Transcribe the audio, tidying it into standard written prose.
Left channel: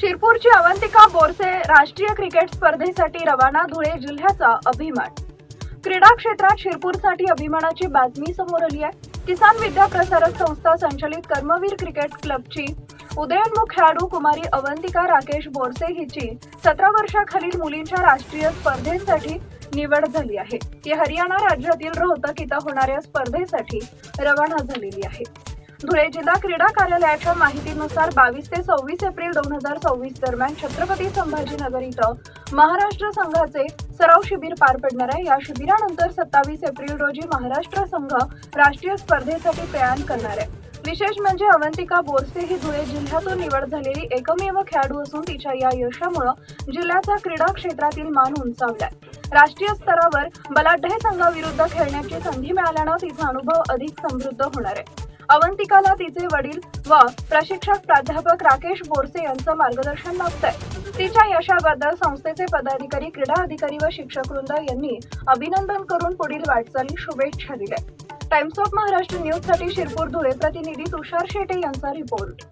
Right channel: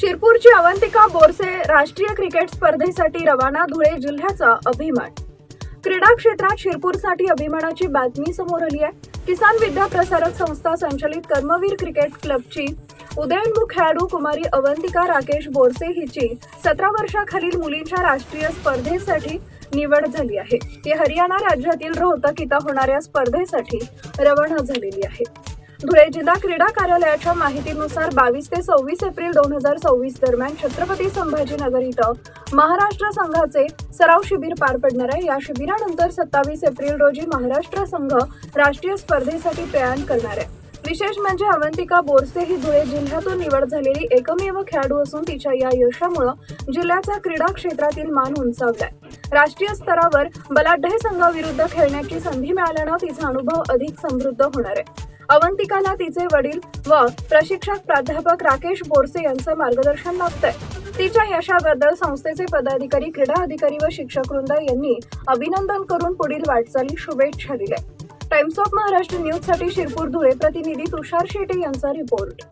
शिरपूरची अवंतिका बोरसे राष्ट्रीय क्रिकेट स्पर्धेसाठी रवाना. धुळे जिल्ह्याचा अभिमान. क्रीडा क्षेत्रात शिरपूरसाठी अभिमानाची बातमी समोर आली आहे. किसान विद्या प्रसारक संस्था संचलित कर्मवीर क्रिकेट क्लबची उदयोन्मुख खेळाडू कुमारी अवंतिका राकेश बोरसे हिची 17 वर्षाखालील मुलींच्या राष्ट्रीय स्पर्धेसाठी निवड झाली आहे. ती हरियाणा राज्यातील रोहतक इथं होणाऱ्या स्पर्धेसाठी रवाना झालेली आहे. धुळे जिल्हा क्रीडा कार्यालयाच्या माहितीनुसार 22 ते 26 एप्रिल 2024 दरम्यान छत्रपती संभाजीनगर इथं महाराष्ट्र संघाचे सराव शिबिर पार पडणार आहे. या शिबिरानंतर 27 एप्रिल रोजी महाराष्ट्र संघ राष्ट्रीय स्पर्धेसाठी प्रयाण करणार आहे. विशेष म्हणजे अवंतिका बोरसे ही धुळे जिल्ह्यातून निवड झालेली एकमेव खेळाडू असून तिच्या या यशामुळे जिल्ह्याचा क्रीडा क्षेत्रातील मान उंचावलाय. राष्ट्रीय स्तरावर बलाढ्य संघाविरुद्ध खेळण्याची संधी मिळाल्यानं तिचा अनुभव अधिक समृद्ध होणार आहे. अवंतिकाला तिचे वडील व प्रशिक्षक प्राध्यापक राकेश बोरसे यांचं मार्गदर्शन लाभतंय. तिच्या यशाबद्दल संस्थेचे पदाधिकारी, क्रीडा अधिकारी व शिक्षक वृंद यांनी अभिनंदन करून पुढील वाटचाली शुभेच्छा दिल्या. टाइम्स ऑफ महाराष्ट्र न्यूज साठी शिरपूर धुळे प्रतिनिधी तुषार शेटे यांचा रिपोर्ट.